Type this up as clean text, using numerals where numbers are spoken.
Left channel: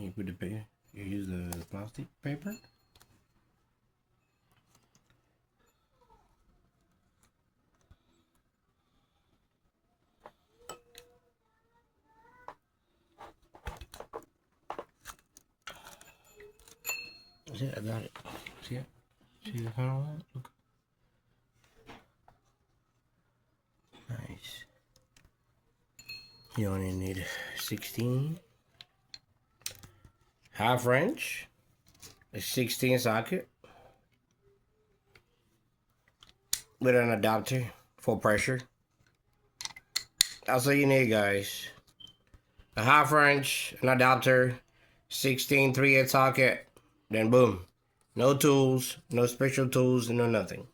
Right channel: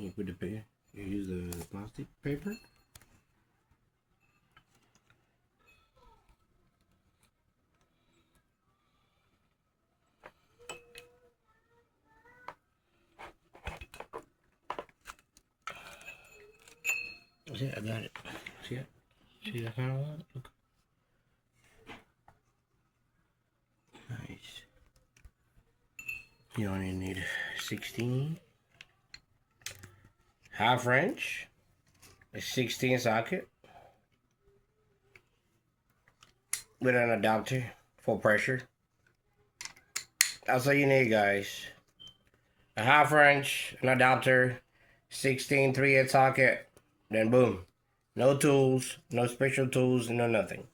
and you put the paper. You use the plastic paper. Yeah, I got it. See it? See the kind of one? Look. Nice. You only need 16. Half wrench. A 16 socket. With an adapter for pressure. That's all you need, guys. A half wrench, an adapter, 16 3/8 socket, then boom. No tools, no special tools, no nothing.